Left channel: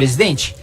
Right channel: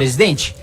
Presidente,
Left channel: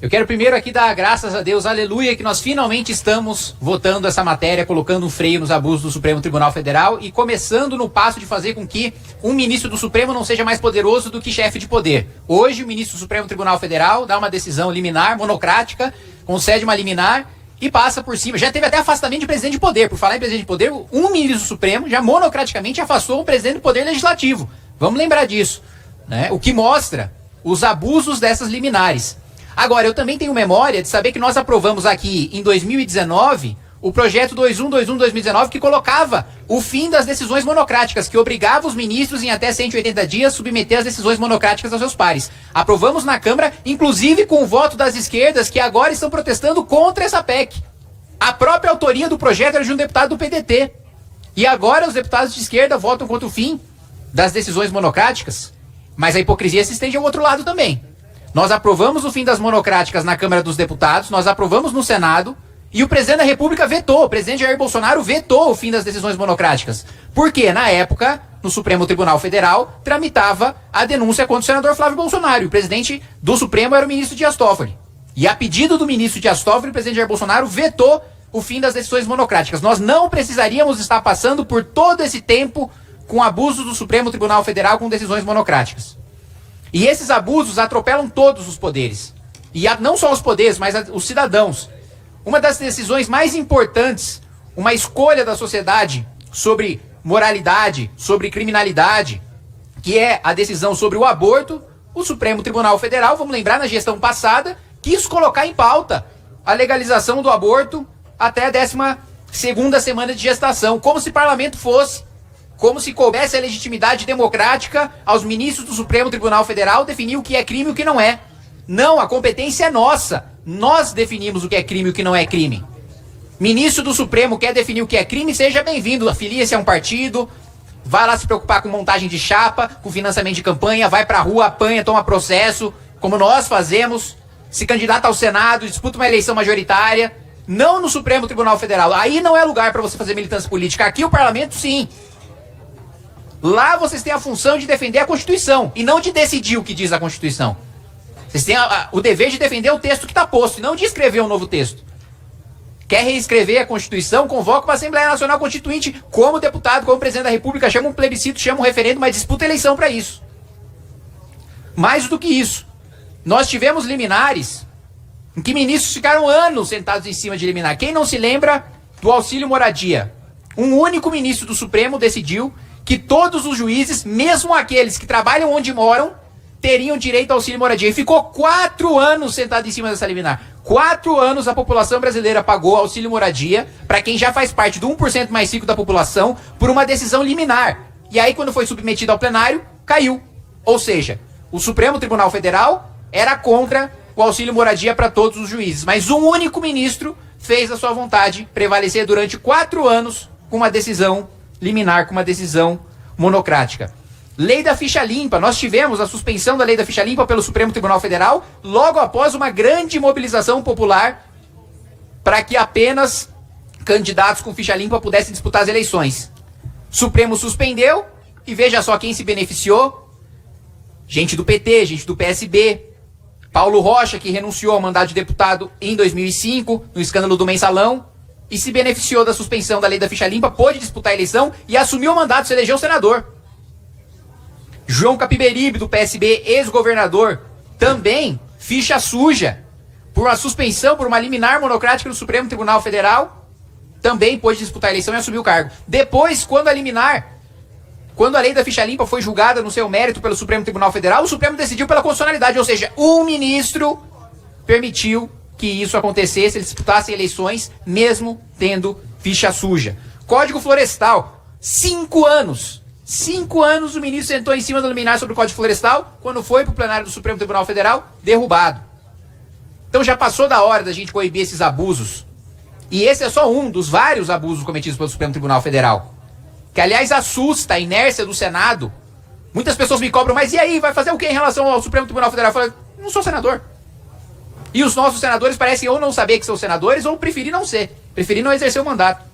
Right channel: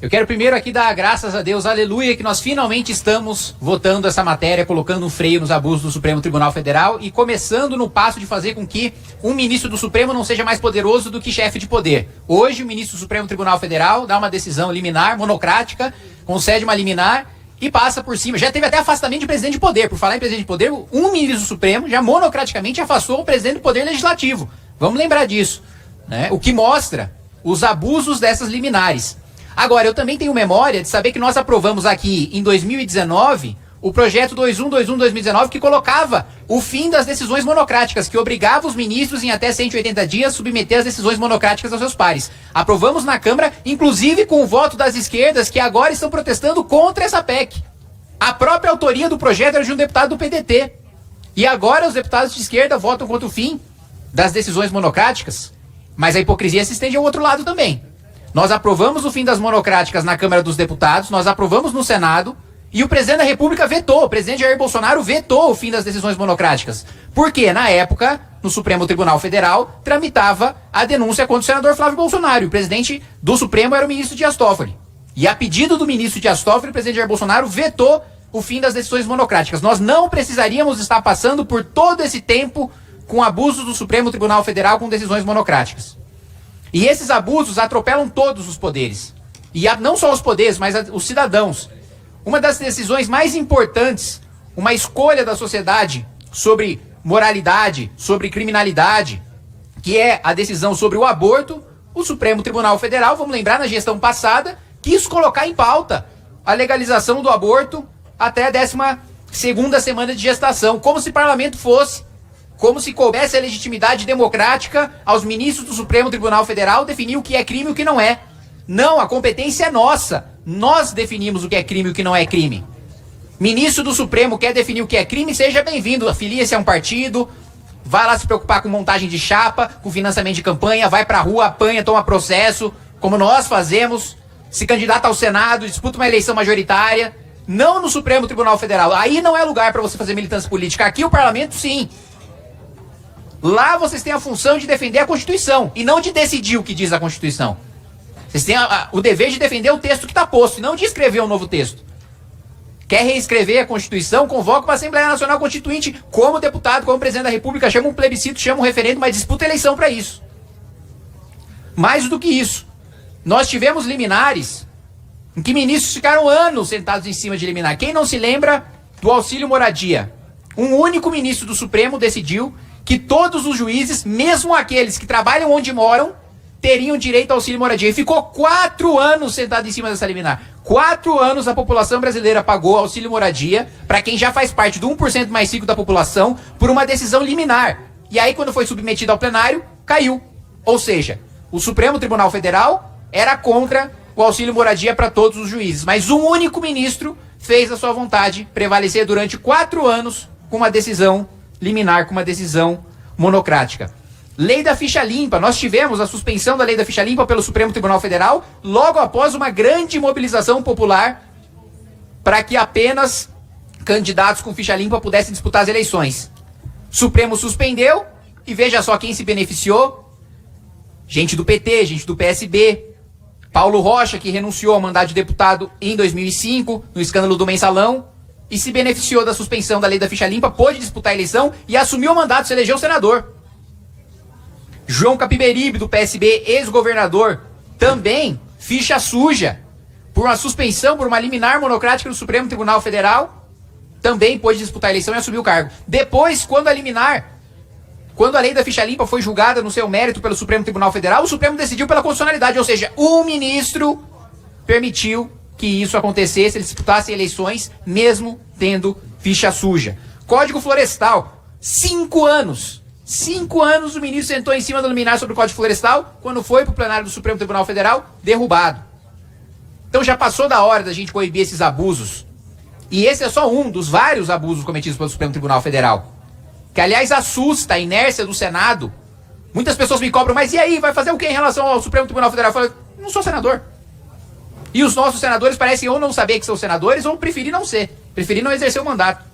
eu quero primeiro aqui dar graças a Deus, aleluia, que nós finalmente estamos votando essa matéria, colocando um freio nos abusos do Supremo Tribunal Federal e começando no passo de fazer com que um ministro do Supremo não seja mais poderoso do que chefe de poder. Hoje, o ministro do Supremo Tribunal Federal dá uma decisão liminar, monocrática, concede uma liminar e passa por cima. Já teve até afastamento de presidente de poder. Por falar em presidente de poder, um ministro do Supremo já monocraticamente afastou o presidente do Poder Legislativo. Vamos lembrar disso, né? O que mostra os abusos dessas liminares. Agora, eu também tenho memória de saber que nós aprovamos aqui em 2019 o projeto 2121-2019 que colocava o fim das decisões monocráticas, que obrigava os ministros em até 180 dias a submeter as decisões monocráticas aos seus pares. Aprovamos na Câmara, inclusive com o voto das esquerdas que agora estão protestando contra essa PEC. A própria autoria do projeto era de um deputado do PDT. E agora os deputados de esquerda votam contra o fim das decisões monocráticas. Mas a hipocrisia se estende ao outro lado também. Nós aprovamos o fim das monocráticas na Câmara dos Deputados, nós aprovamos no Senado e o presidente da República vetou, o presidente Jair Bolsonaro vetou o fim das decisões monocráticas. Porque, na época, no Supremo Tribunal Federal, tramitava a denúncia contra o senador Flávio Bolsonaro. E o presidente do Supremo era o ministro Dias Toffoli. E a pedido do ministro Dias Toffoli, o presidente Jair Bolsonaro vetou o fim das decisões monocráticas. Nós não precisaríamos estar passando por todo esse tempo com abusos do Supremo Tribunal Federal com decisões monocráticas. E esses abusos atropelam todos os poderes. E não só os poderes, mas os cidadãos. Uma das decisões mais importantes, uma escolha da sociedade sobre moralidade, sobre criminalidade, que é a decisão sobre o aborto, o Supremo Tribunal Federal, vamos lembrar, na gestão passada, quis colocar em pauta a legalização do aborto até a 12ª semana de gestação, como se parlamento fosse, como se coubesse a legitimidade democrática aos ministros do Supremo Tribunal Federal definir o que é crime e o que não é. Não, a competência é nossa. Nós definimos o que é crime e o que não é crime. Ministro do Supremo quer definir o que é crime, seja bem-vindo. Afilia-se a um partido, vai lá se preocupar com montagem de chapa, com financiamento de campanha, vai pra rua, apanha, toma processo, como nós fazemos, se candidata ao Senado, disputa uma eleição majoritária. Não no Supremo Tribunal Federal. Aí não é lugar para você fazer militância política. Aqui o parlamento, sim. Lá vocês têm a função de defender a Constituição e não de decidir o que diz a Constituição. Vocês têm o dever de defender o texto que está posto e não de escrever um novo texto. Quer reescrever a Constituição, convoca uma Assembleia Nacional Constituinte como deputado, como presidente da República, chama um plebiscito, chama um referendo, mas disputa eleição para isso. Mais do que isso, nós tivemos liminares em que ministros ficaram anos sentados em cima de liminar. Quem não se lembra do auxílio moradia? Um único ministro do Supremo decidiu que todos os juízes, mesmo aqueles que trabalham onde moram, teriam direito ao auxílio moradia. E ficou 4 anos sentado em cima dessa liminar. 4 anos a população brasileira pagou auxílio moradia para quem já faz parte do 1% mais rico da população por uma decisão liminar. E aí, quando foi submetido ao plenário, caiu. Ou seja, o Supremo Tribunal Federal era contra o auxílio moradia para todos os juízes. Mas um único ministro fez a sua vontade prevalecer durante 4 anos com uma decisão liminar, com uma decisão monocrática. Lei da ficha limpa. Nós tivemos a suspensão da lei da ficha limpa pelo Supremo Tribunal Federal logo após uma grande mobilização popular para que apenas candidatos com ficha limpa pudessem disputar as eleições. Supremo suspendeu e veja só quem se beneficiou. Gente do PT, gente do PSB. Paulo Rocha, que renunciou ao mandato de deputado em 2005, no escândalo do Mensalão, e se beneficiou da suspensão da lei da ficha limpa, pôde disputar a eleição e assumiu o mandato, se elegeu senador. João Capiberibe, do PSB, ex-governador, também ficha suja, por uma suspensão, por uma liminar monocrática do Supremo Tribunal Federal, também pôde disputar a eleição e assumir o cargo. Depois, quando a lei da ficha limpa foi julgada no seu mérito pelo Supremo Tribunal Federal, o Supremo decidiu pela constitucionalidade, ou seja, um ministro permitiu que isso acontecesse, eles disputassem eleições, mesmo tendo ficha suja. Código Florestal, 5 anos. 5 anos o ministro sentou em cima do liminar sobre o Código Florestal, quando foi para o plenário do Supremo Tribunal Federal, derrubado. Então já passou da hora da gente coibir esses abusos. E esse é só um dos vários abusos cometidos pelo Supremo Tribunal Federal. Que, aliás, assusta a inércia do Senado. Muitas pessoas me cobram, mas e aí, vai fazer o que em relação ao Supremo Tribunal Federal? Eu falo, não sou senador. E os nossos senadores parecem ou não saber que são senadores ou preferir não ser. Preferir não exercer o mandato.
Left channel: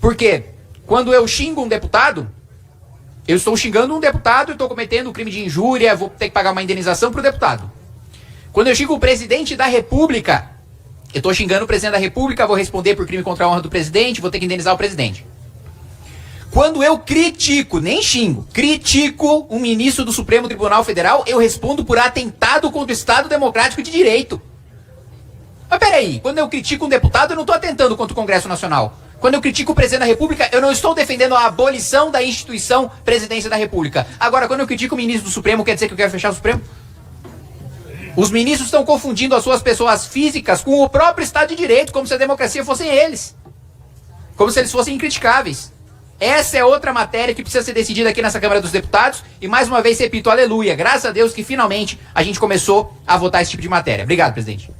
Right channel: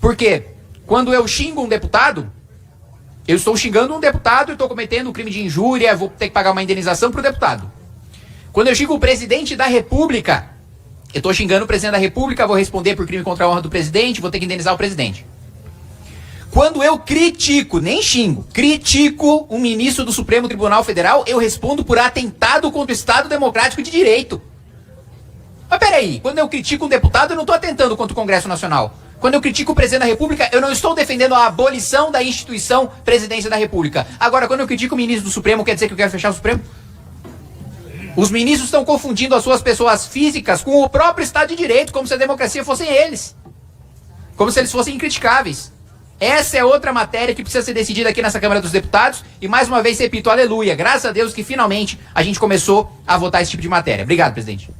Por quê? Quando eu xingo um deputado, eu estou xingando um deputado e estou cometendo um crime de injúria, vou ter que pagar uma indenização para o deputado. Quando eu xingo o presidente da República, eu tô xingando o presidente da República, vou responder por crime contra a honra do presidente, vou ter que indenizar o presidente. Quando eu critico, nem xingo, critico um ministro do Supremo Tribunal Federal, eu respondo por atentado contra o Estado Democrático de Direito. Mas peraí, quando eu critico um deputado, eu não estou atentando contra o Congresso Nacional. Quando eu critico o presidente da República, eu não estou defendendo a abolição da instituição Presidência da República. Agora, quando eu critico o ministro do Supremo, quer dizer que eu quero fechar o Supremo? Os ministros estão confundindo as suas pessoas físicas com o próprio Estado de Direito, como se a democracia fossem eles. Como se eles fossem incriticáveis. Essa é outra matéria que precisa ser decidida aqui nessa Câmara dos Deputados. E mais uma vez, repito, aleluia. Graças a Deus que finalmente a gente começou a votar esse tipo de matéria. Obrigado, presidente.